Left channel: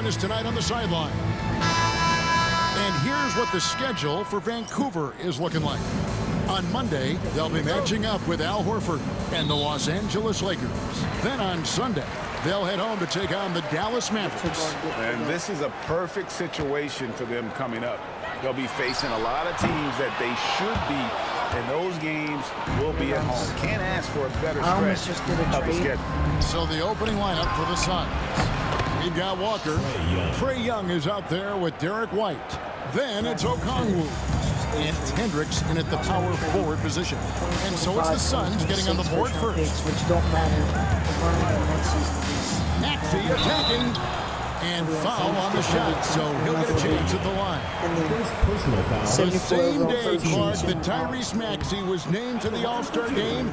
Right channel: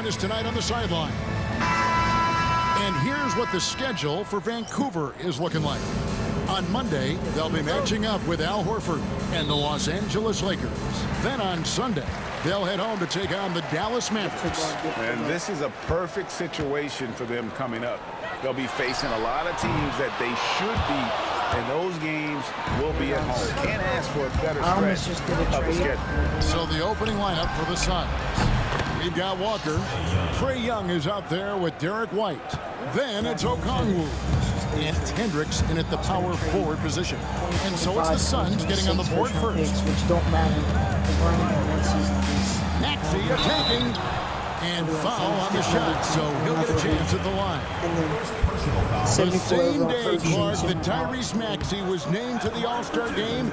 Join us tonight on the sideline. And here's what the schedule for Vancouver is looking like. On Monday, they'll be matching up with Al Horford and the Los Angeles Lakers. Then on Sunday, they'll head home to take on the Dallas Mavericks. And this is a perfect situation for them coming up. They'll be facing a lot of teams that they should beat, and those games will be at home. Can't ask for a better stretch of the schedule. So the opening lineup for the Suns. We've got Walker. Trae Young is out there with Derek White. Then it's Okongwu. And Hendricks in at the power forward position. And so it's the Suns getting on the board first. Which don't matter. Maxey attacking. And foul on the shot, so he'll get a chance at the line. The same day, Clark, that Tyrese Maxey was named to the All-Star game,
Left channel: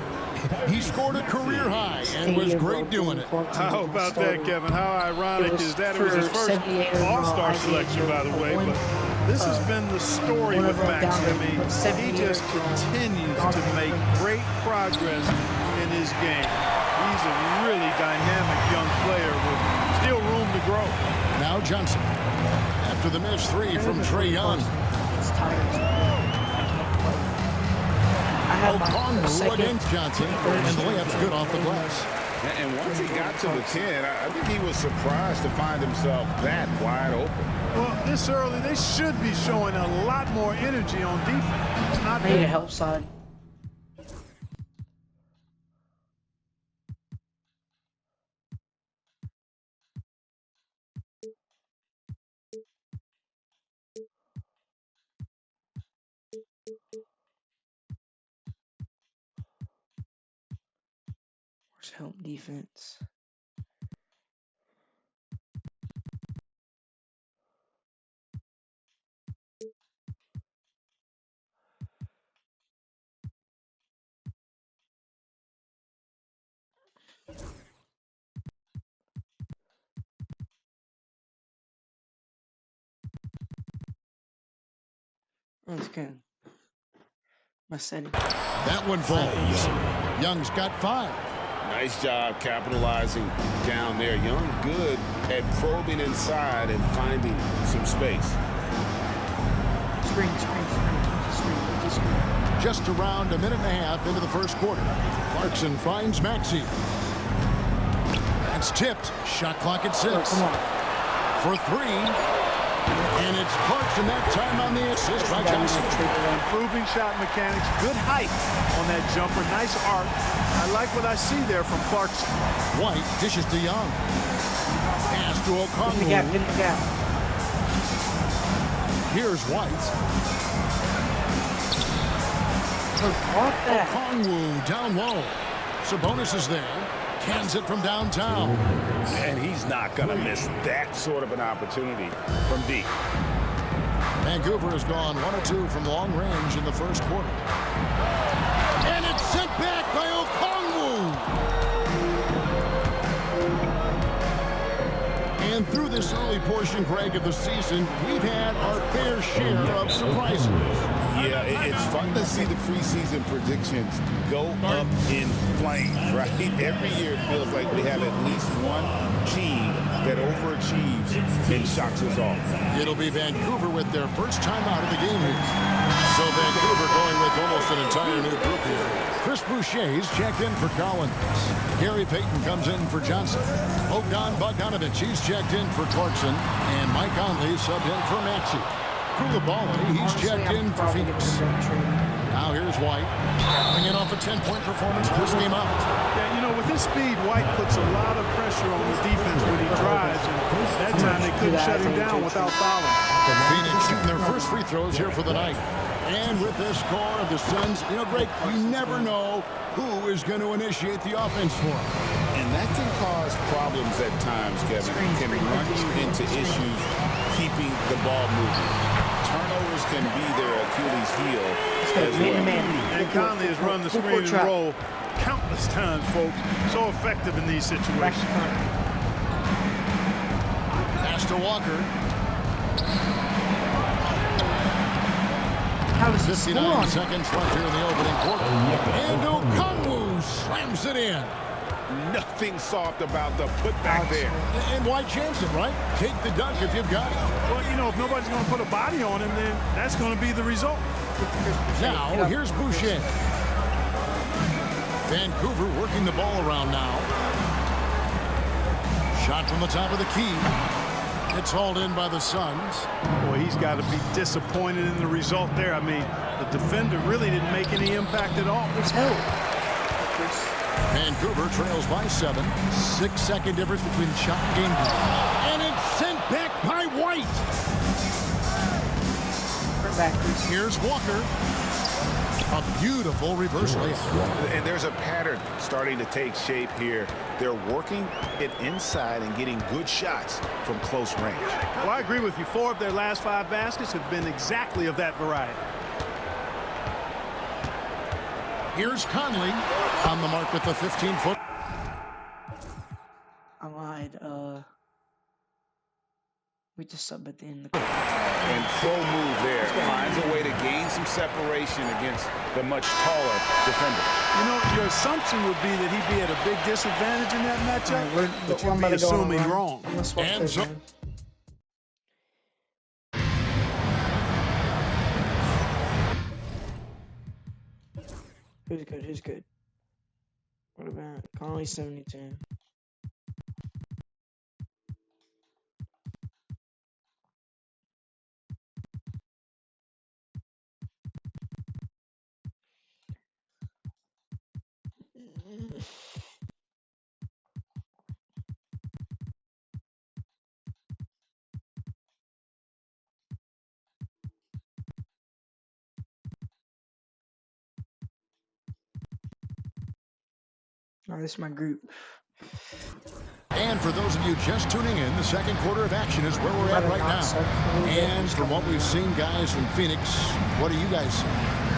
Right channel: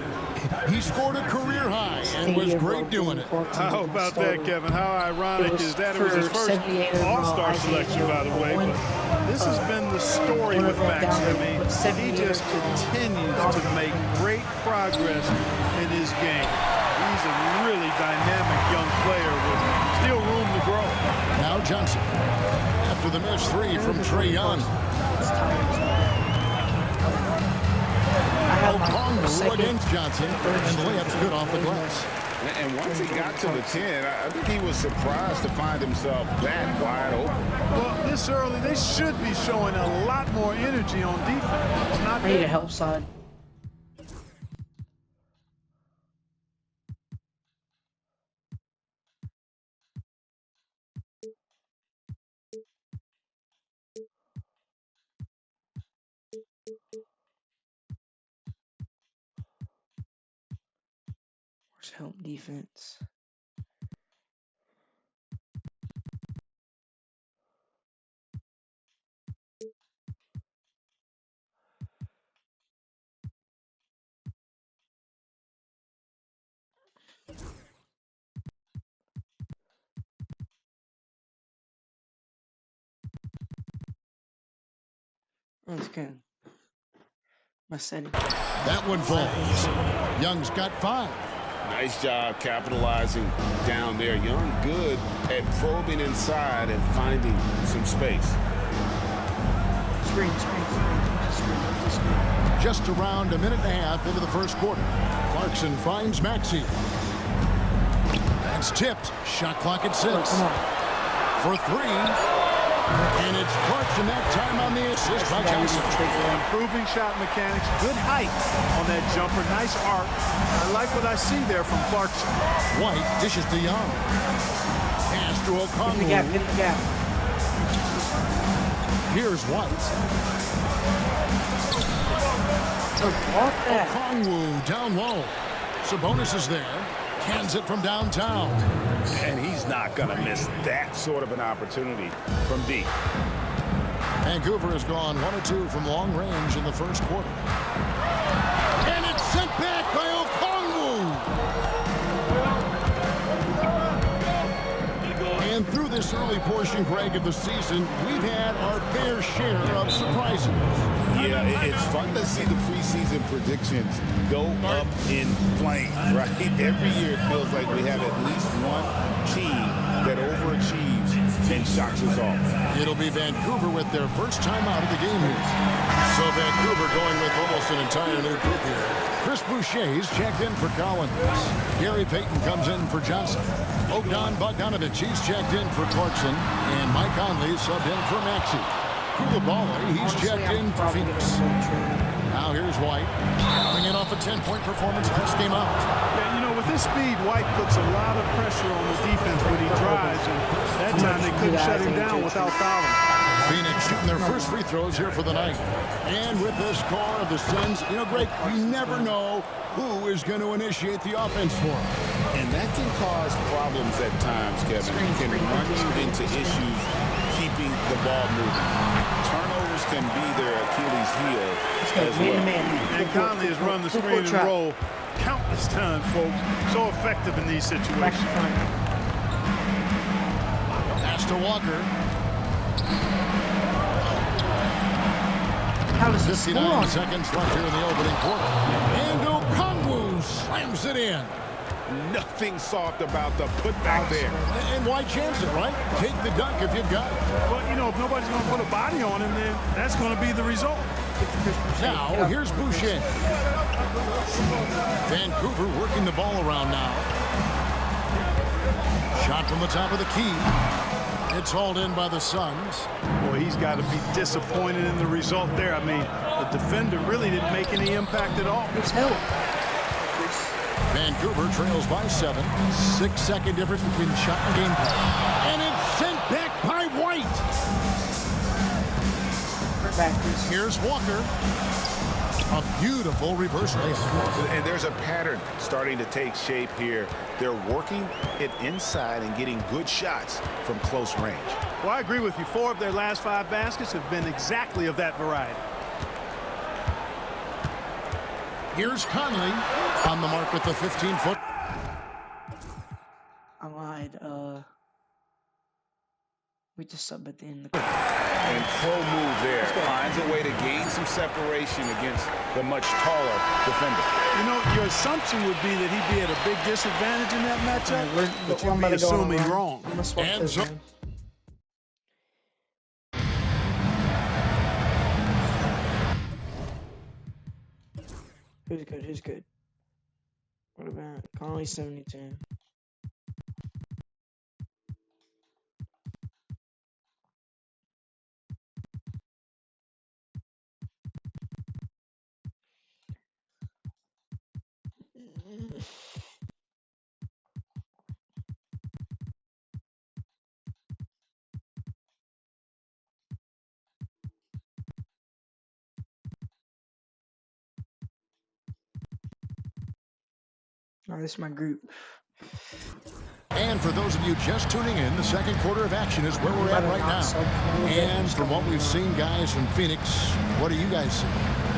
he scored a career high and was great doing it. How about that, Kevin? How ironic is that? It was his first All-Star selection, by the way, but this has been the story with Maxey. I mean, he just continues to make great progress in his game. He's a really dynamic young player with still room to grow. Now Johnson. After the missed three from Trae Young. Okongwu against Johnson, and the layup's good off the glass. And once he got to the 10, I think he was surprised to find himself that wide open. Well, this early, they should be showing a lot more energy on defense. It's not I need a help side. Where's help defense? That's good. My setting. That one falls. Young's got 5. Nice job capitalizing down there. Young good at probing inside and finding some space. Screen. Empty screen. Just around a minute and a half into the first quarter. Clarkson finds Maxey. That's tipped. Shot clock at 6. Oh, come on. For 3. And it's Clarkson that time on the assist by Johnson. Improving shot mechanics, good height on that jumper, nice arc. I like what I see there from Clarkson. White dishes to Young. Pass to Okongwu. Get in the gap. Here's White. Block that. Okongwu down low. Sabonis is there. Cans it from downtown. And he's not going to miss that sort of an opportunity from deep. Vancouver has gone 1 of 2 from long range in the first quarter. And it's sent back by Okongwu. And through this early portion, Greg, of the season, we've had our fair share of surprises. Yeah, it's fun to see the preseason predictions go up in flames, right? Every year it feels like we have at least one team that overachieves and shocks us all. It'll be Vancouver with their first time out of the game here. So Vancouver going with almost an entire new group here. Chris Boucher's checked in for Collins. Gary Payton comes in for Johnson. Bogdan Bogdanovic, he's checked in for Clarkson. And Mike Conley subbed in for Maxey. Koulibaly, he's checked in for Phoenix. Now here's White, coming in off a 10-point performance last game out. Yeah, you know, with his speed, White puts a lot of pressure on the defense when he drives, and that time they couldn't shut him down without fouling. Phoenix shooting their first free throws here for the night. And with the score of the Suns, you know, Greg, you never know who is going to initiate the offense for them. And that can cause problems at times, Kevin. It can run you into issues keeping the ball moving. Turnovers can be their Achilles heel as well. And Conley has run the screen and roll countless times, folks. So effective in these situations. Pass to Walker. 59 seconds left here in the opening quarter. And Okongwu slams it in. Nothing soft about the putback there. And why chance it, right? Take the dunk if you've got it. Well, you know, if nobody's going to put a body on him, then that's going to be the result. Now, here's Boucher. Vancouver working the ball around now. Shot from the top of the key. It's hauled in by the Suns. Boy, he's got to be disappointed in the result there. I mean, the defender really didn't make any impact at all. It's help. Vancouver trails by 7. 6-second difference between shot and game time. And it's sent back by White. Back, Chris. Here's Walker. A beautiful reverse layup. And there's a pattern starting to take shape here. They're working it inside and getting good shots from close range. Well, I agree with you. 4 of their last 5 baskets have been exactly of that variety. Here's Conley on the mark with the 15-foot. I lied. We just sub at the end. And pro move there. Finds a way to gain some separation against the much taller defender. You know, your assumption would be that he'd be at a big disadvantage in that matchup, Right, but you'd be assuming wrong. I'm gonna swap And this, so- man. Who's good? Who's good? What about Conley 72? Oh, this is my group. And for those of you just tuning in, the second quarter of action is where we're at right now. And from what we've seen, guys, from Phoenix, what do you guys see?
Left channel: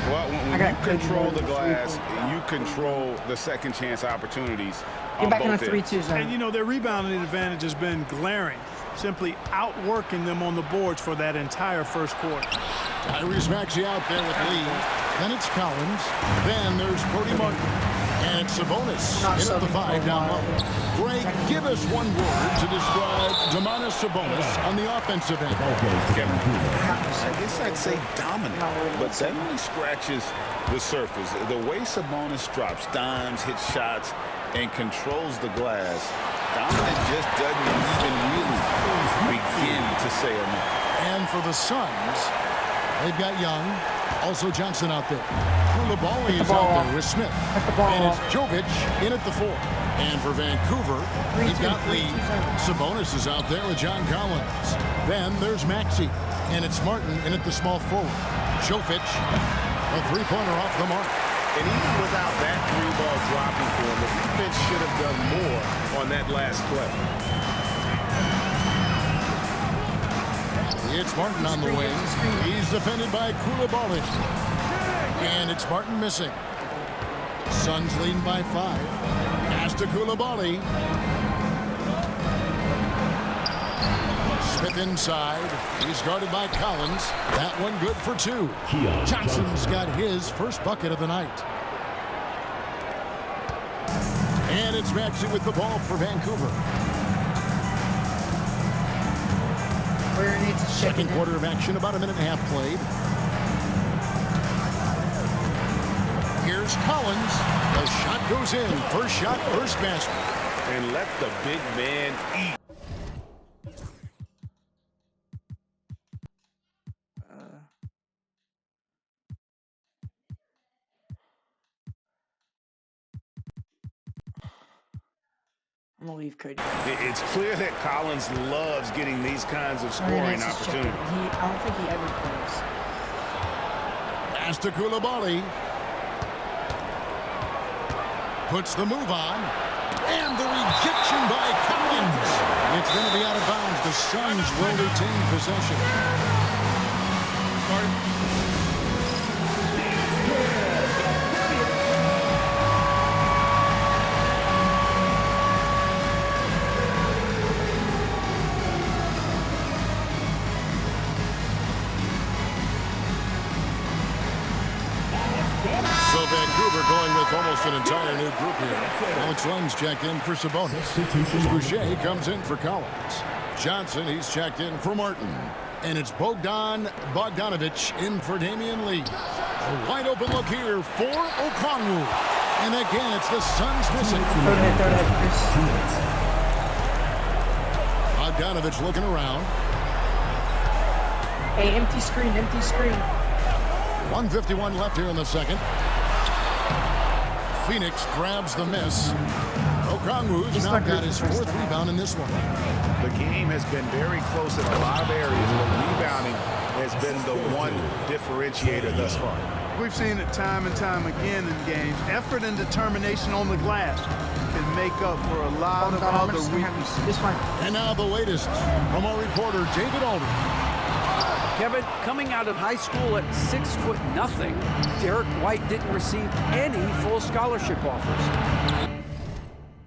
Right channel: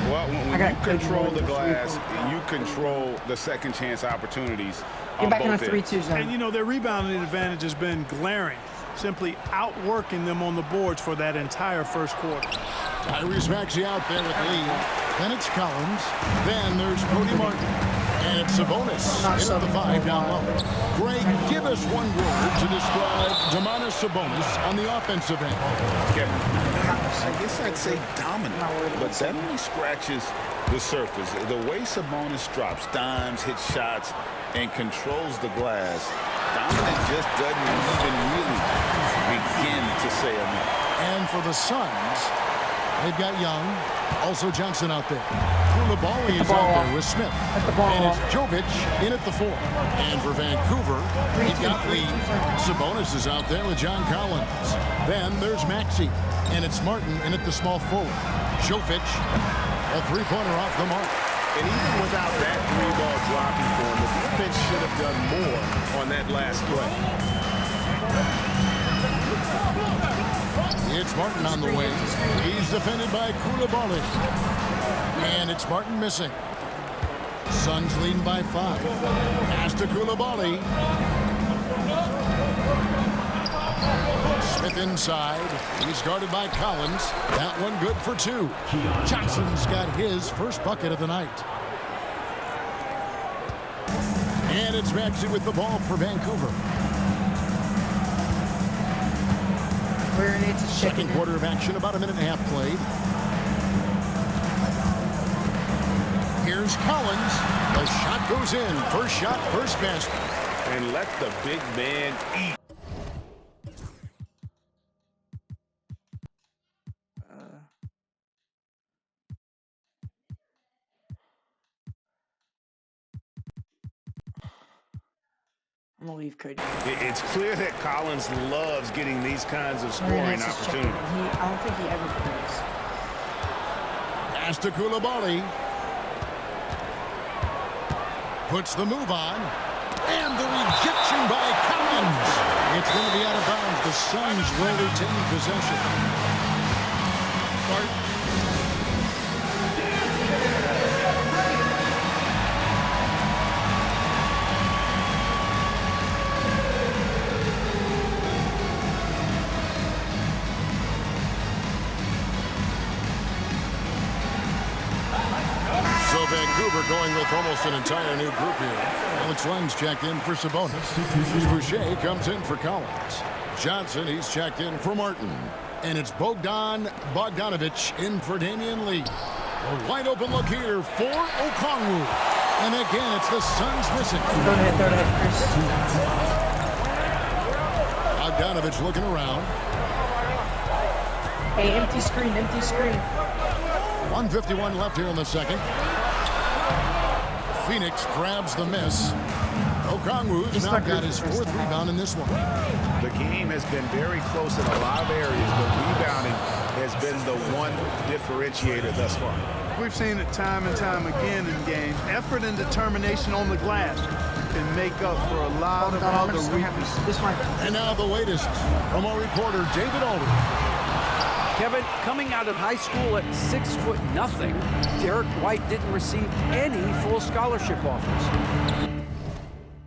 Well, when you control the glass, you control the second chance opportunities on Get back in both the ends. 3-2 zone. And, you know, their rebounding advantage has been glaring, simply outworking them on the boards for that entire first quarter. Tyrese Maxey out there with Lee. Then it's Collins. Then there's Cody Martin. And it's Sabonis in at the 5 down low. Greg, give us one word to describe Domantas Sabonis on the offensive end. Kevin, I guess I'd say dominant, but that only scratches the surface. The way Sabonis drops dimes, hits shots, and controls the glass, dominant just doesn't even really begin to say enough. And for the Suns, they've got Young, also Johnson out there. Koulibaly is out there with Smith. And it's Jovic in at the 4. And for Vancouver, he's got Lee. Sabonis is out there with John Collins. Then there's Maxey. And it's Martin in at the small forward. Jovic, a three-pointer off the mark. And even without that 3-ball dropping for him, the defense should have done more on that last play. It's Martin on the wing. He's defended by Koulibaly. And it's Martin missing. Suns leading by 5. Pass to Koulibaly. Smith inside. He's guarded by Collins. That one good for 2. Johnson's got his first bucket of the night. And it's Maxey with the ball for Vancouver. Second quarter of action, about a minute and a half played. Here's Collins. The shot goes in. First shot, first basket. And let the big man eat. I'm gonna leave Cody. It's clear that Collins loves getting these kinds of scoring opportunities. I don't think he ever plays. Pass to Koulibaly. Puts the move on. And the rejection by Collins. It's going to be out of bounds. The Suns will retain possession. Vancouver going with almost an entire new group here. Alex Len's checked in for Sabonis. Chris Boucher comes in for Collins. Johnson, he's checked in for Martin. And it's Bogdan Bogdanovic in for Damian Lee. A wide open look here for Okongwu. And again, it's the Suns missing. Third head, Chris. Bogdanovic looking around. Hey, empty screen. 1:51 left here in the second. Phoenix grabs the miss. Okongwu's now got his 4th rebound in this one. The game has been very close in a lot of areas, but rebounding has been the one differentiator thus far. We've seen it time and time again in games. Effort and determination on the glass can make up for a lot of other weaknesses. This one. And now the latest from our reporter, David Aldridge. Kevin, coming out of high school at 6'0", Derek White didn't receive any full scholarship offers.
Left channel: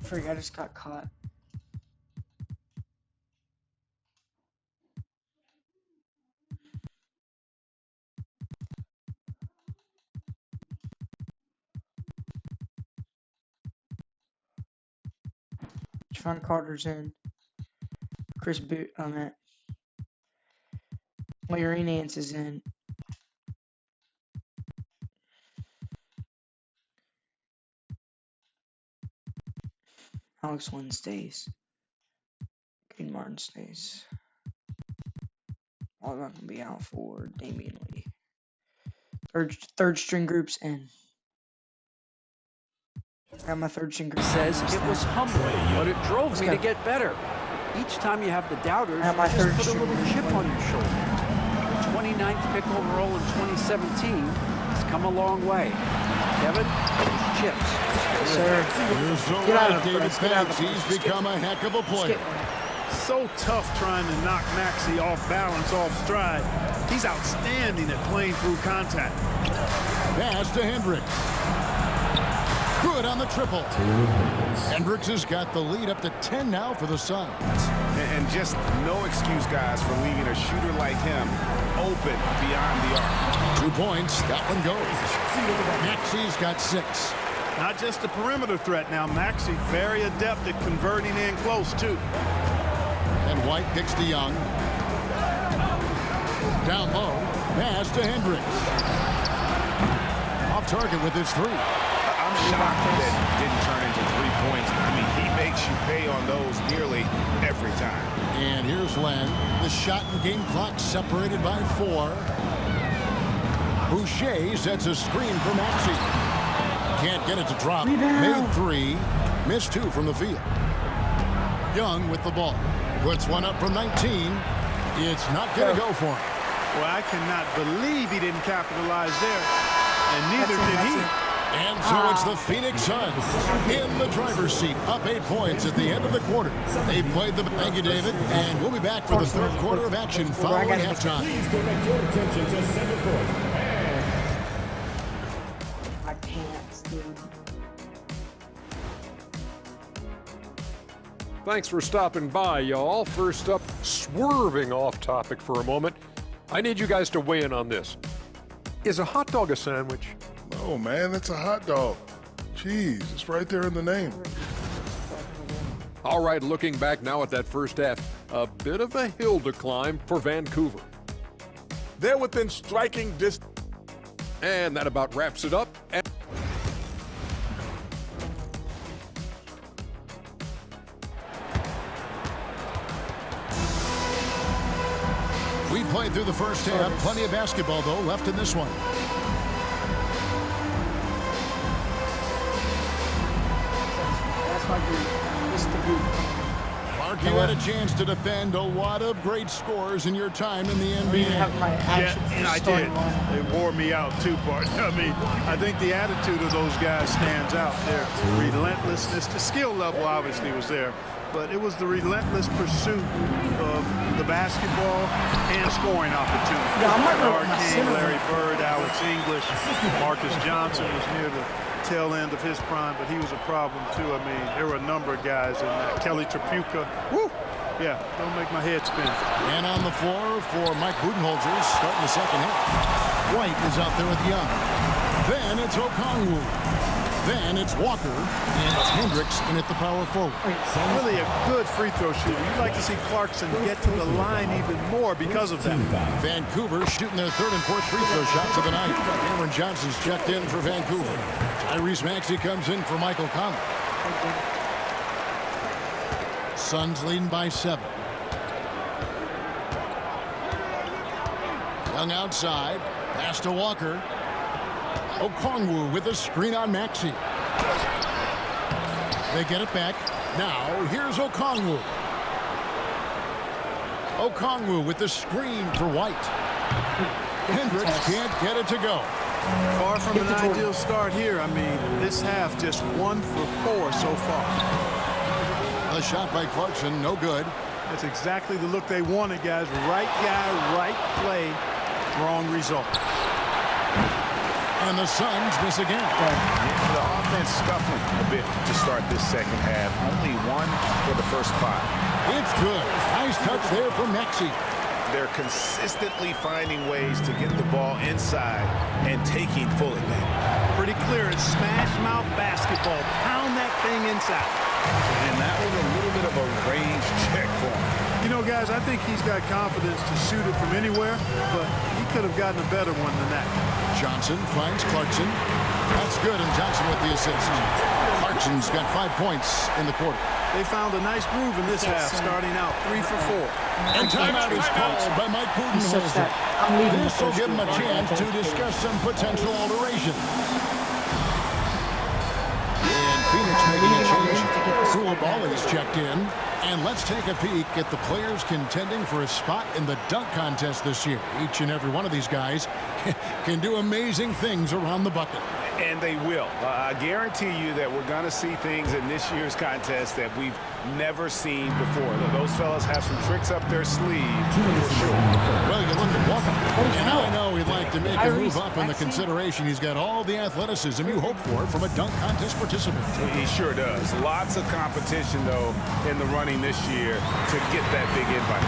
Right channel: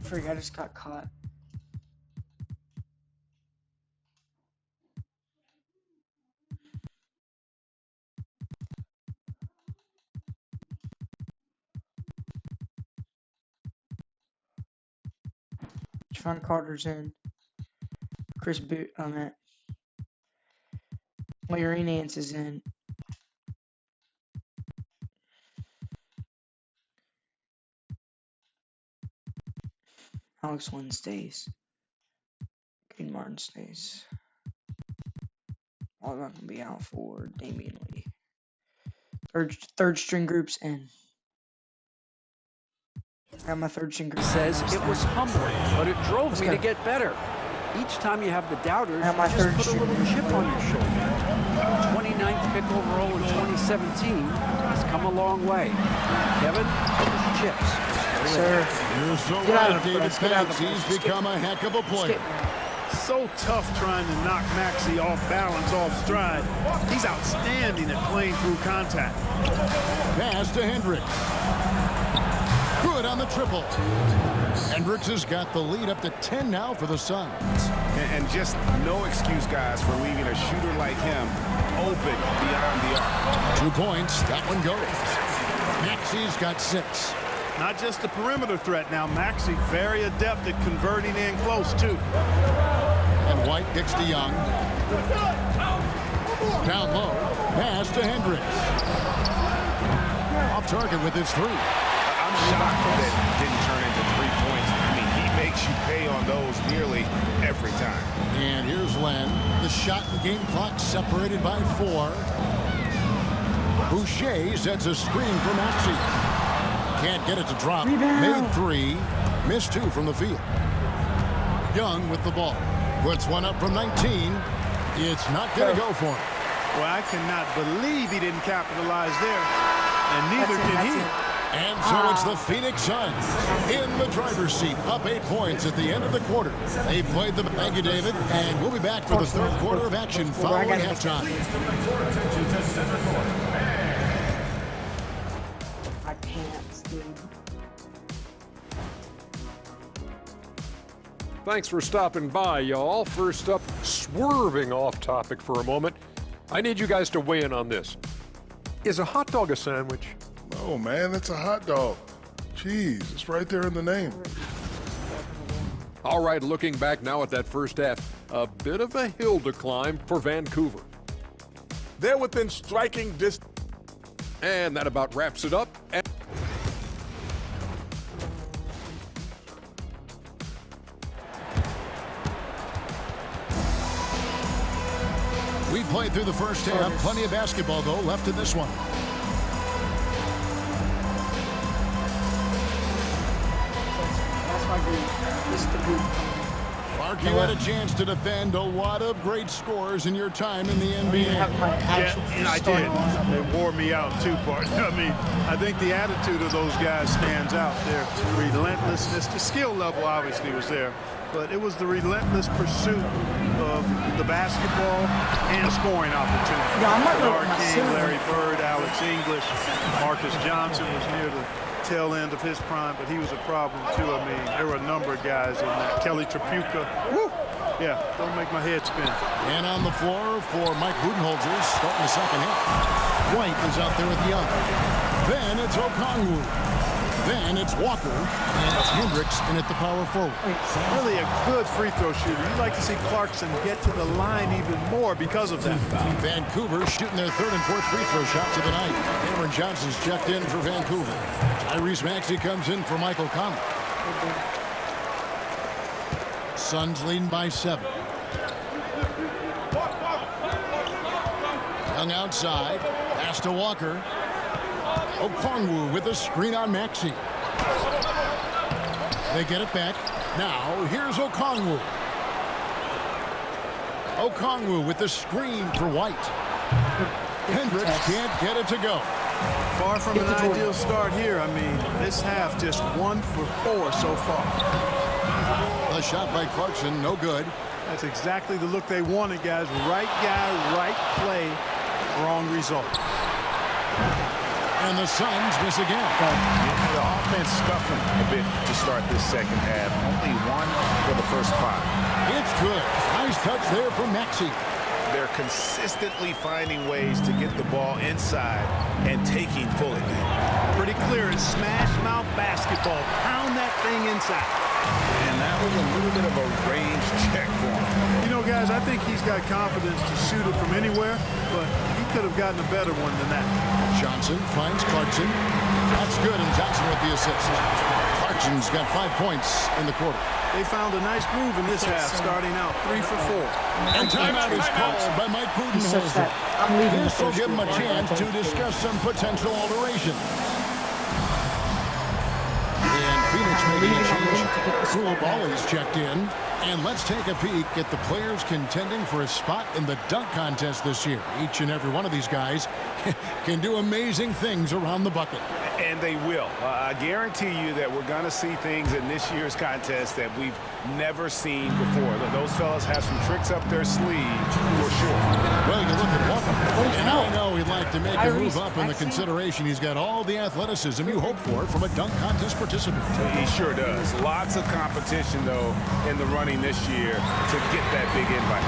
Freak, I just got caught. Javon Carter's in. Chris Boot on that. Larry Nance is in. Alex Lynn stays. Green Martin stays. All not gonna be out for Damian Lee. Third string group's in. Got my third string group. Says it was humbling, but it drove me to get better. Each time you have the doubters, you just put a little chip on your shoulder. 29th pick overall in 2017 has come a long way. Kevin, those chips. Sir. You're so right, David Banks. He's become a heck of a player. So tough trying to knock Maxey off balance, off stride. He's outstanding at playing through contact. Pass to Hendricks. Good on the triple. Hendricks has got the lead up to 10 now for the Suns. And just no excuse, guys, for leaving a shooter like him open beyond the arc. 2 points. That one goes. Maxey's got 6. Not just a perimeter threat now. Maxey very adept at converting in close, too. And White kicks to Young. Down low. Pass to Hendricks. Off target with his 3. I'm shocked that didn't turn into 3 points. I mean, he makes you pay on those nearly every time. And here's Len. The shot and game clock separated by 4. Boucher sets a screen for Maxey. Can't get it to drop. Rebound. Made 3. Missed 2 from the field. Young with the ball. Puts one up from 19. It's not going to go for him. Well, I cannot believe he didn't capitalize there. And neither can he. And so it's the Phoenix Suns in the driver's seat, up 8 points at the end of the quarter. They played the... Thank you, David. And we'll be back for the third quarter of action following halftime. My pants, dude. Thanks for stopping by, y'all. First up, swerving off topic for a moment. I need you guys to weigh in on this. Is a hot dog a sandwich? Oh man, it's a hot dog. Jeez, it's right there in the name. All right, looking back now at that first half, a bit of a hill to climb for Vancouver. They're within striking distance. And that about wraps it up. We played through the first half. Plenty of basketball, though, left in this one. That's my group. This is the group coming in. Mark, you had a chance to defend a lot of great scores in your time in the NBA. Have my actual And I did. They wore me out too, partner. I mean, I think the attitude of those guys stands out. Their relentlessness, the skill level obviously was there, but it was the relentless pursuit of the basketball and scoring opportunity. Yeah, I might roll Mark my King, center. Larry Bird, Alex English, Marcus Johnson was near the tail end of his prime, but he was a problem too. I mean, there were a number of guys in that. Kelly Tripucka. Woo! Yeah, don't make my head spin. And on the floor for Mike Budenholzer, starting the second half. White is out there with Young. Then it's Okongwu. Then it's Walker, and it's Hendricks in at the power forward. Really a good free throw shooter. You'd like to see Clarkson get to the line even more because of that. Vancouver shooting their third and fourth free throw shots of the night. Cameron Johnson's checked in for Vancouver. Tyrese Maxey comes in for Michael Conley. Suns leading by 7. Young outside. Pass to Walker. Okongwu with a screen on Maxey. They get it back. Now, here's Okongwu. Okongwu with the screen for White. Hendricks can't get it to go. Far from an ideal start here. I mean, this half just 1 for 4 so far. A shot by Clarkson, no good. That's exactly the look they wanted, guys. Right guy, right play, wrong result. And the Suns miss again. Yeah, the offense scuffling a bit to start this second half. Only 1 for the first 5. It's good. Nice touch there from Maxey. They're consistently finding ways to get the ball inside and taking full advantage. Pretty clear. It's smash mouth basketball. Pound that thing inside. And that was a little bit of a range check for him. You know, guys, I think he's got confidence to shoot it from anywhere, but he could have gotten a better one than that. Johnson finds Clarkson. That's good, and Johnson with the assist. Clarkson's got 5 points in the quarter. They found a nice groove in this half, starting out 3 for 4. And timeout is called by Mike Budenholzer. This will give him a chance to discuss some potential alterations. And Phoenix making a change. Koulibaly's checked in. And let's take a peek at the players contending for a spot in the dunk contest this year. Each and every one of these guys can do amazing things around the bucket. And they will. I guarantee you that we're going to see things in this year's contest that we've never seen before. Those fellas have some tricks up their sleeve for sure. Well, you look at Walker, and I know he'd like to make a move up in the consideration. He's got all the athleticism you hope for from a dunk contest participant. He sure does. Lots of competition, though, in the running this year to get that big invite.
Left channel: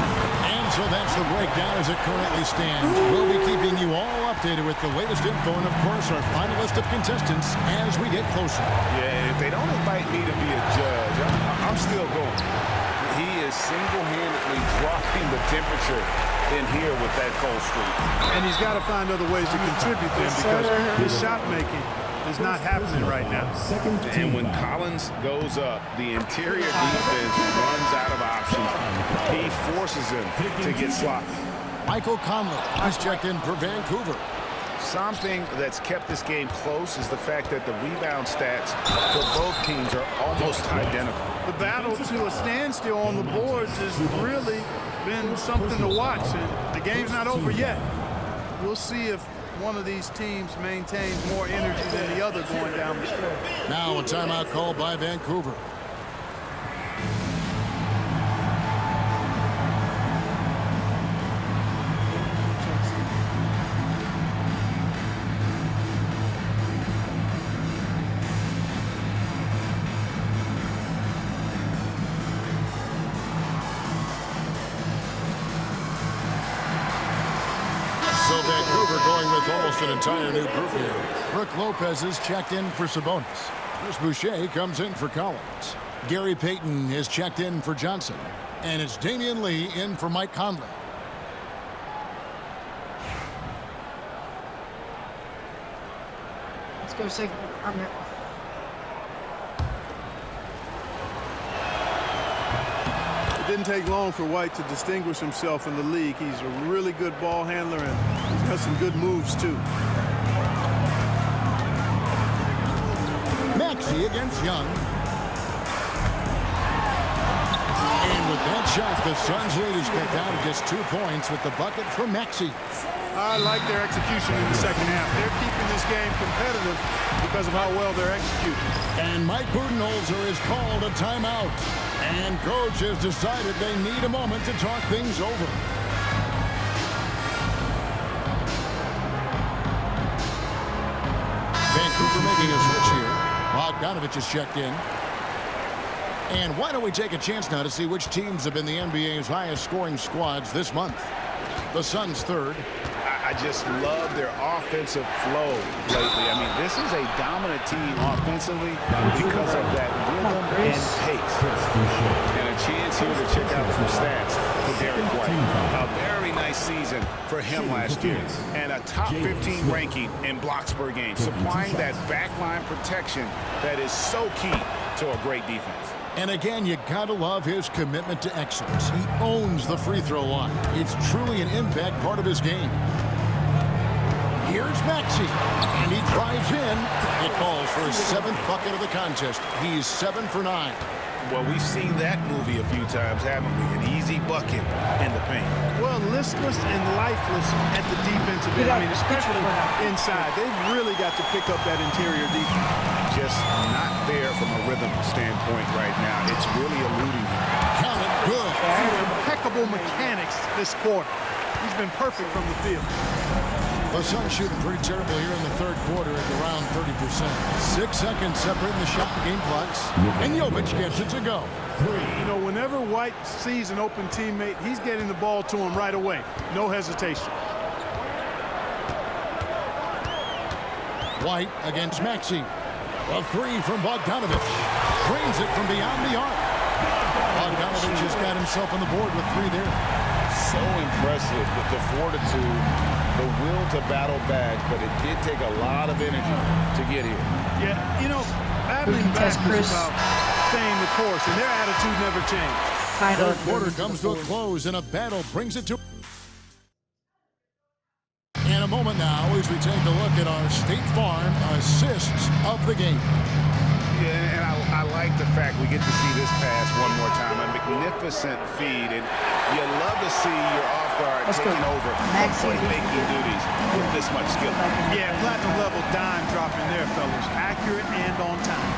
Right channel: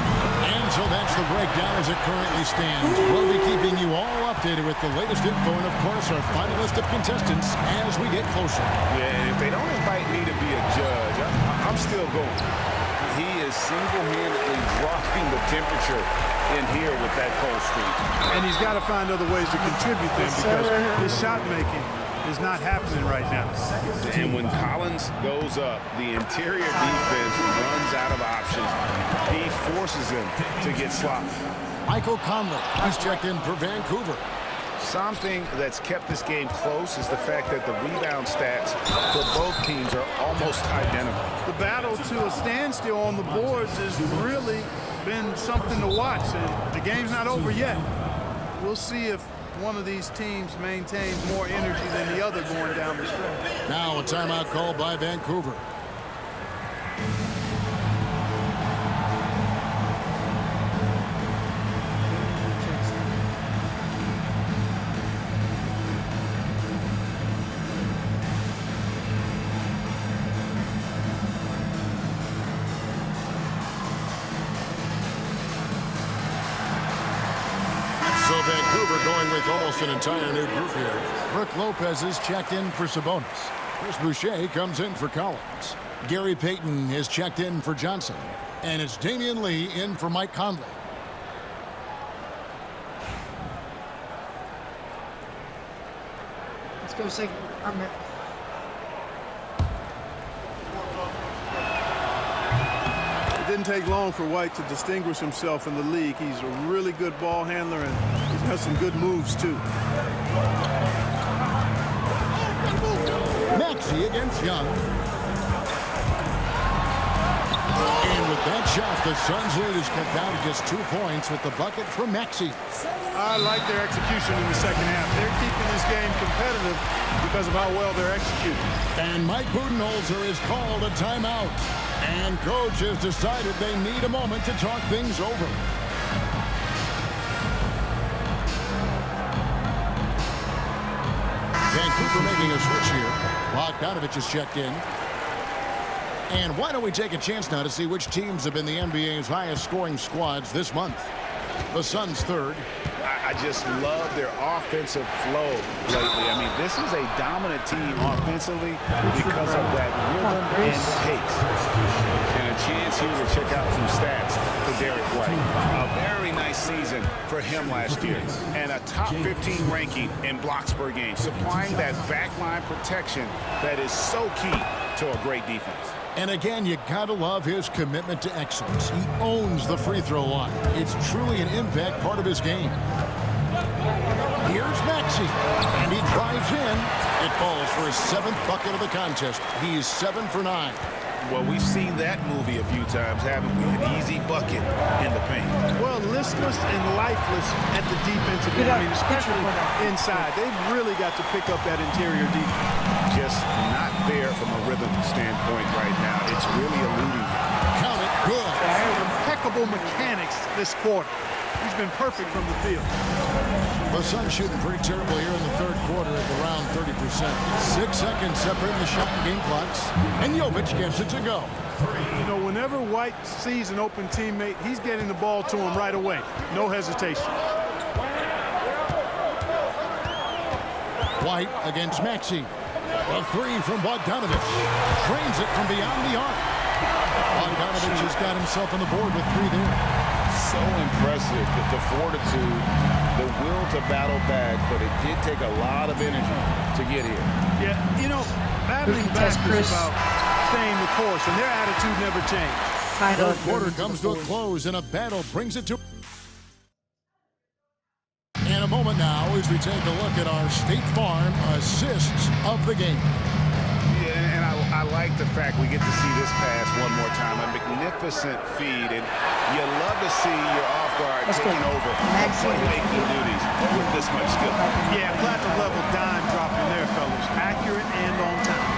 And so that's the breakdown as it currently stands. We'll be keeping you all updated with the latest info and, of course, our final list of contestants as we get closer. Yeah, and if they don't invite me to be a judge, I'm still going. He is single-handedly dropping the temperature in here with that cold streak. And he's got to find other ways to contribute then because his shot making is not happening right now. And when Collins goes up, the interior defense runs out of options. He forces him to get sloppy. Michael Conley has checked in for Vancouver. Something that's kept this game close is the fact that the rebound stats for both teams are almost identical. The battle to a standstill on the boards has really been something to watch, and the game's not over yet. We'll see if one of these teams maintains more energy than the other going down the stretch. Now a timeout called by Vancouver. So Vancouver going with almost an entire new group here. Brook Lopez is checked in for Sabonis. Chris Boucher comes in for Collins. Gary Payton is checked in for Johnson. And it's Damian Lee in for Mike Conley. Let's go second. It didn't take long for White to distinguish himself in the league. He's a really good ball handler, and he's got some good moves, too. Maxey against Young. And with that shot, the Suns' lead is cut down to just 2 points with the bucket from Maxey. I like their execution in the second half. They're keeping this game competitive because of how well they're executing. And Mike Budenholzer is called a timeout. And coach has decided they need a moment to talk things over. Vancouver making a switch here. Bogdanovich is checked in. And why don't we take a chance now to see which teams have been the NBA's highest scoring squads this month. The Suns third, I just love their offensive flow lately. I mean, this is a dominant team offensively because of that rhythm and pace. And a chance here to check out some stats for Derek White. A very nice season for him last year. And a top 15 ranking in blocks per game, supplying that backline protection that is so key to a great defense. And again, you gotta love his commitment to excellence. He owns the free throw line. It's truly an impact part of his game. Here's Maxey, and he drives in. It falls for his 7th bucket of the contest. He's 7 for 9. Well, we've seen that movie a few times, haven't we? An easy bucket in the paint. Well, listless and lifeless at the defensive end. I mean, especially inside. They've really got to pick up that interior defense. Just not there from a rhythm standpoint right now. It's really eluding him. Count it, good. Impeccable mechanics this quarter. He's been perfect from the field. The Suns shooting pretty terrible here in the 3rd quarter at around 30%. 6 seconds separating the shot and game clocks. And Jovic gets it to go. You know, whenever White sees an open teammate, he's getting the ball to him right away. No hesitation. White against Maxey. A 3 from Bogdanovic. Drains it from beyond the arc. Bogdanovic has got himself on the board with 3 there. So impressive, the fortitude, the will to battle back, but it did take a lot of energy to get here. Yeah, you know, battling back is about staying the course, and their attitude never changed. 3rd quarter comes to a close, and a battle brings it to... In a moment now, as we take a look at our State Farm assists of the game. Yeah, and I like the fact we get to see this pass one more time. A magnificent feed, and you love to see your off-guard taking over playmaking duties with this much skill. Yeah, platinum-level dime dropping there, fellas. Accurate and on time.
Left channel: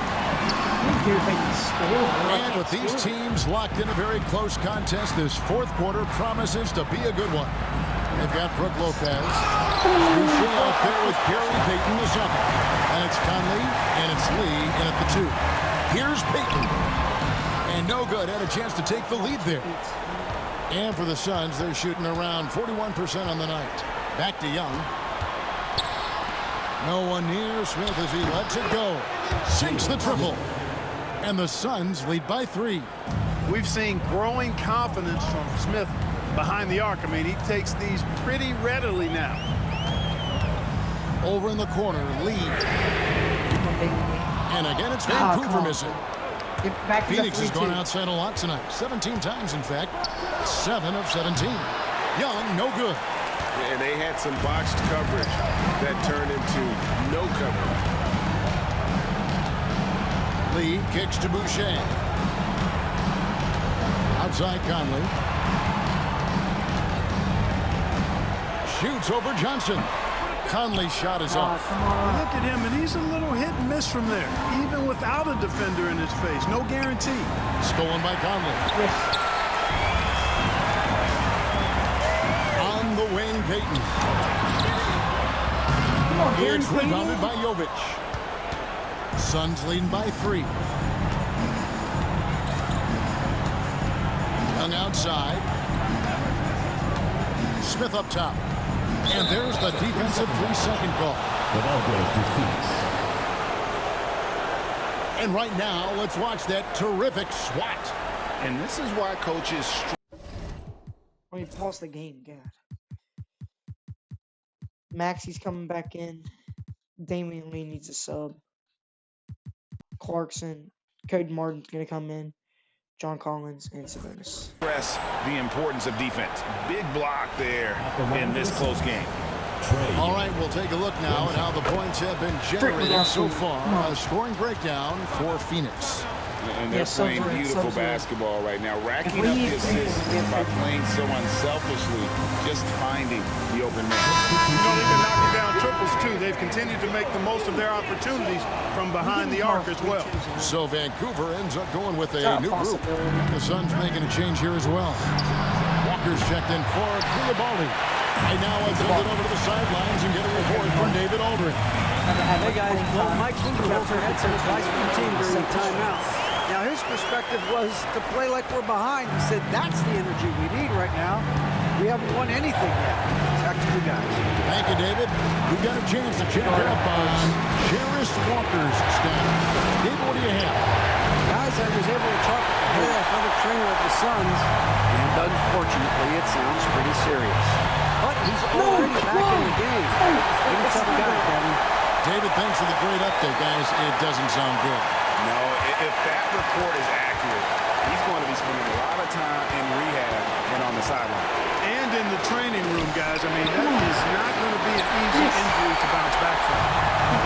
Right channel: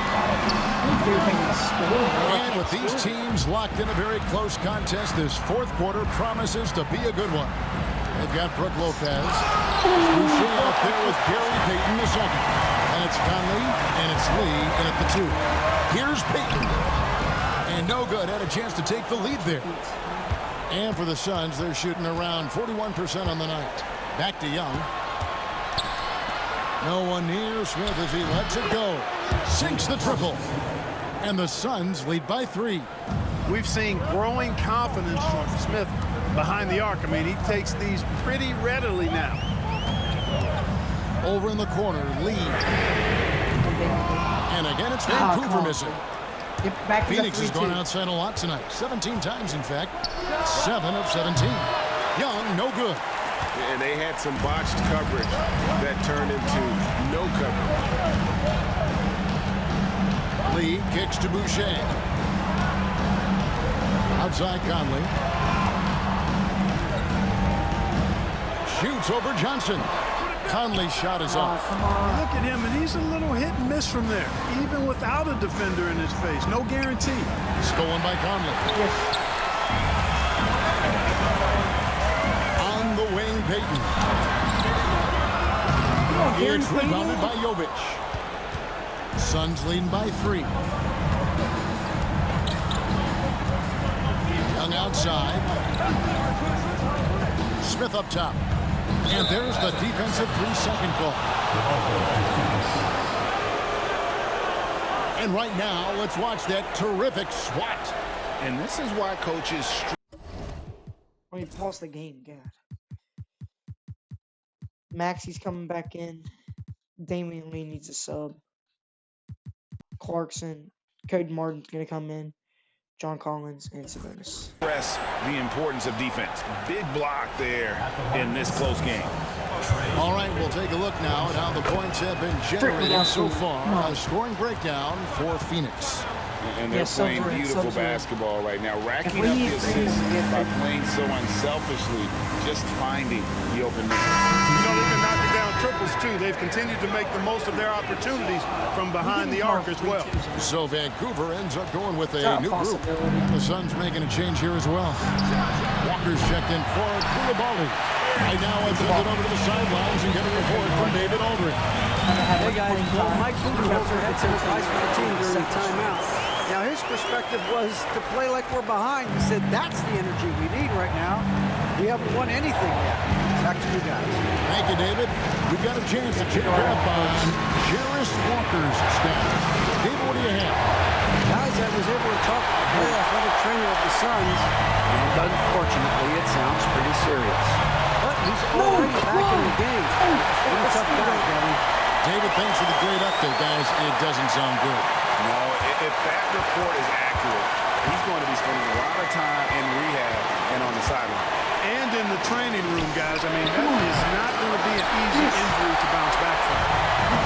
And with these teams locked in a very close contest, this 4th quarter promises to be a good one. They've got Brook Lopez. Boucher out there with Gary Payton the second. And it's Conley, and it's Lee in at the 2. Here's Payton. And no good. Had a chance to take the lead there. And for the Suns, they're shooting around 41% on the night. Back to Young. No one near Smith as he lets it go. Sinks the triple. And the Suns lead by 3. We've seen growing confidence from Smith behind the arc. I mean, he takes these pretty readily now. Over in the corner, Lee. And again, it's Vancouver missing. Phoenix has gone outside a lot tonight. 17 times, in fact. 7 of 17. Young, no good. And they had some botched coverage that turned into no coverage. Lee kicks to Boucher. Outside Conley. Shoots over Johnson. Conley's shot is off. Come on. Look at him, and he's a little hit and miss from there, even without a defender in his face. No guarantee. Stolen by Conley. Yes. On the wing, Payton. It's rebounded by Jovic. Suns leading by 3. Young outside. Smith up top. And there's the defensive 3-second call. The ball goes to Phoenix. And right now, let's watch that terrific swat. And this is why coaches... When you pause the game, God. Maxey's coming back in. Damian Lee needs a sub. Clarkson. Cody Martin's going to come in. John Collins and Sabonis. Press the importance of defense. Big block there in this close game. All right, we'll take a look now at how the points have been generated so far. A scoring breakdown for Phoenix. And they're playing beautiful basketball right now, racking up the assists by playing so unselfishly, just finding the open man. You know, they've been knocking down triples, too. They've continued to make the most of their opportunities from behind the arc as well. So Vancouver ends up going with a new group. And the Suns making a change here as well. Walker's checked in for Koulibaly. Right now, I've sent it over to the sidelines and get a report from David Aldridge. Hey, guys, well, Mike Budenholzer had some advice for the team during the timeout. Now, his perspective was to play like we're behind. He said, that's the energy we need right now. We haven't won anything yet. Back to you guys. Thank you, David. We've got a chance to check up on Jarace Walker's status. David, what do you have? Guys, I was able to talk with the head athletic trainer of the Suns, and unfortunately, it sounds pretty serious. But he's already back in the game. Pretty tough guy, Kevin. David, thanks for the great update, guys. It doesn't sound good. No, if that report is accurate, he's going to be spending a lot of time in rehab and on the sideline. And in the training room, guys. I mean, that is not going to be an easy injury to bounce back from.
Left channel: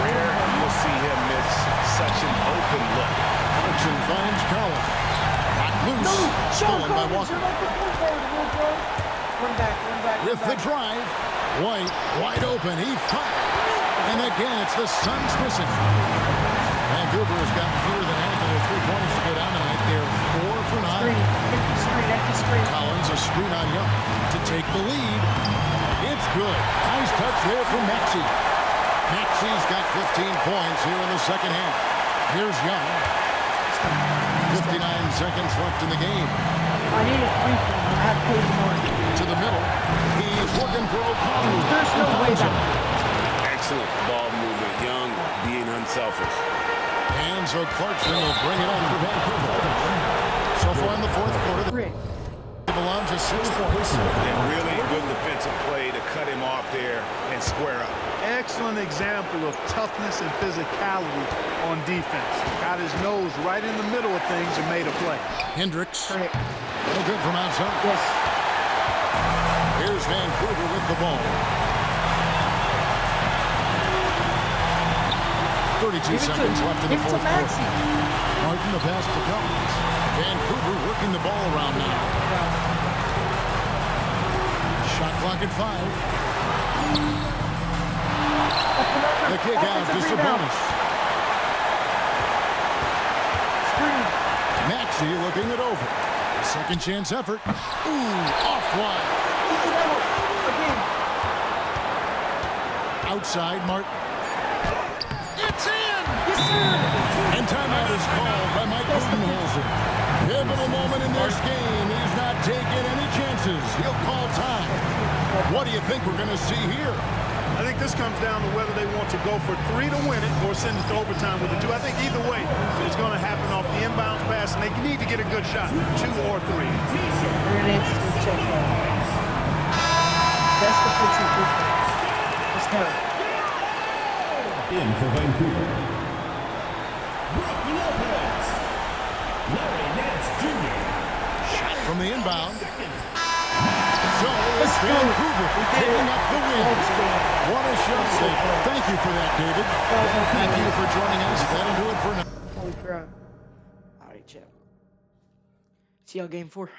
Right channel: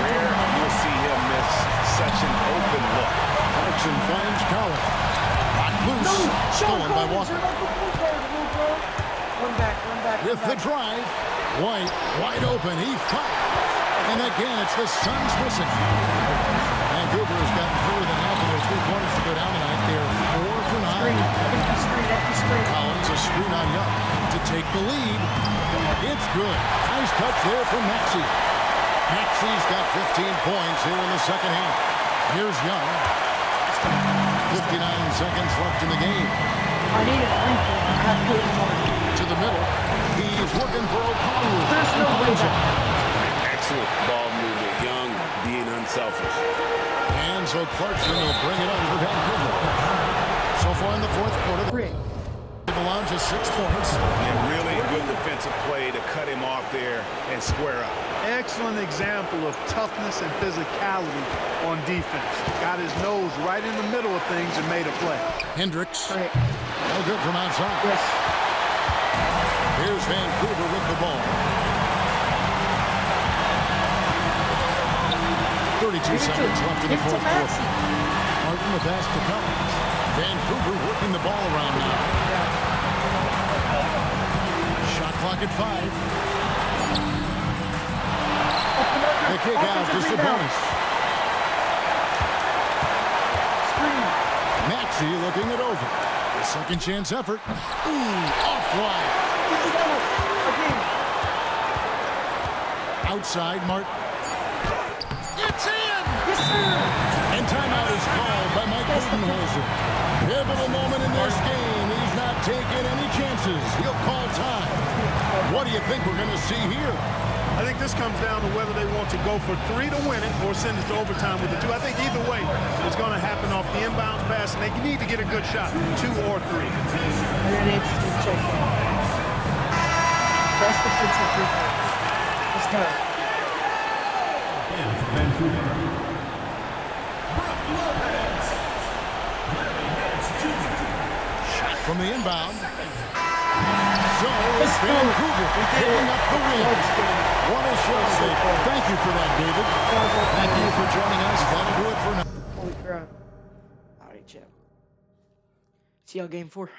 Rare you'll see him miss such an open look. Clarkson finds Collins. Knocked loose. Stolen by Walker. Run back. With the drive. White wide open. He fires. And again, it's the Suns missing. Vancouver has gotten fewer than half of their three-pointers to go down tonight. They're 4 for 9. Empty screen. Collins a screen on Young to take the lead. It's good. Nice touch there from Maxey. Maxey's got 15 points here in the second half. Here's Young. 59 seconds left in the game. I need a three-pointer. I have Cody Martin. To the middle. He's looking for O'Connell. There's no way back. Excellent ball movement. Young being unselfish. And so Clarkson will bring it on for Vancouver. So far in the fourth quarter, they've allowed just 6 points. Yeah, really good defensive play to cut him off there and square up. Excellent example of toughness and physicality on defense. Got his nose right in the middle of things and made a play. Hendricks. No good from outside. Yes. Here's Vancouver with the ball. 32 seconds left in the fourth quarter. Martin the pass to Collins. Vancouver working the ball around now. Shot clock at 5. The kick out to Sabonis. Screen. Maxey looking it over. A second chance effort. Ooh, offline. Again. Outside Martin. It's in! Yes, sir! And timeout is called by Mike Budenholzer. Pivotal moment in this game. He's not taking any chances. He'll call time. What do you think we're going to see here? I think this comes down to whether they want to go for 3 to win it or send it to overtime with a 2. I think either way, it's going to happen off the inbounds pass, and they need to get a good shot, 2 or 3. They're going to check in. Best defensive three-point. Let's go. In for Vancouver, Brook Lopez, Larry Nance Jr. Shot from the inbound. So it's Vancouver picking up the win. What a show. Thank you for that, David. Thank you for joining us. That'll do it for now. Holy crap. All right, Chip. See y'all game 4.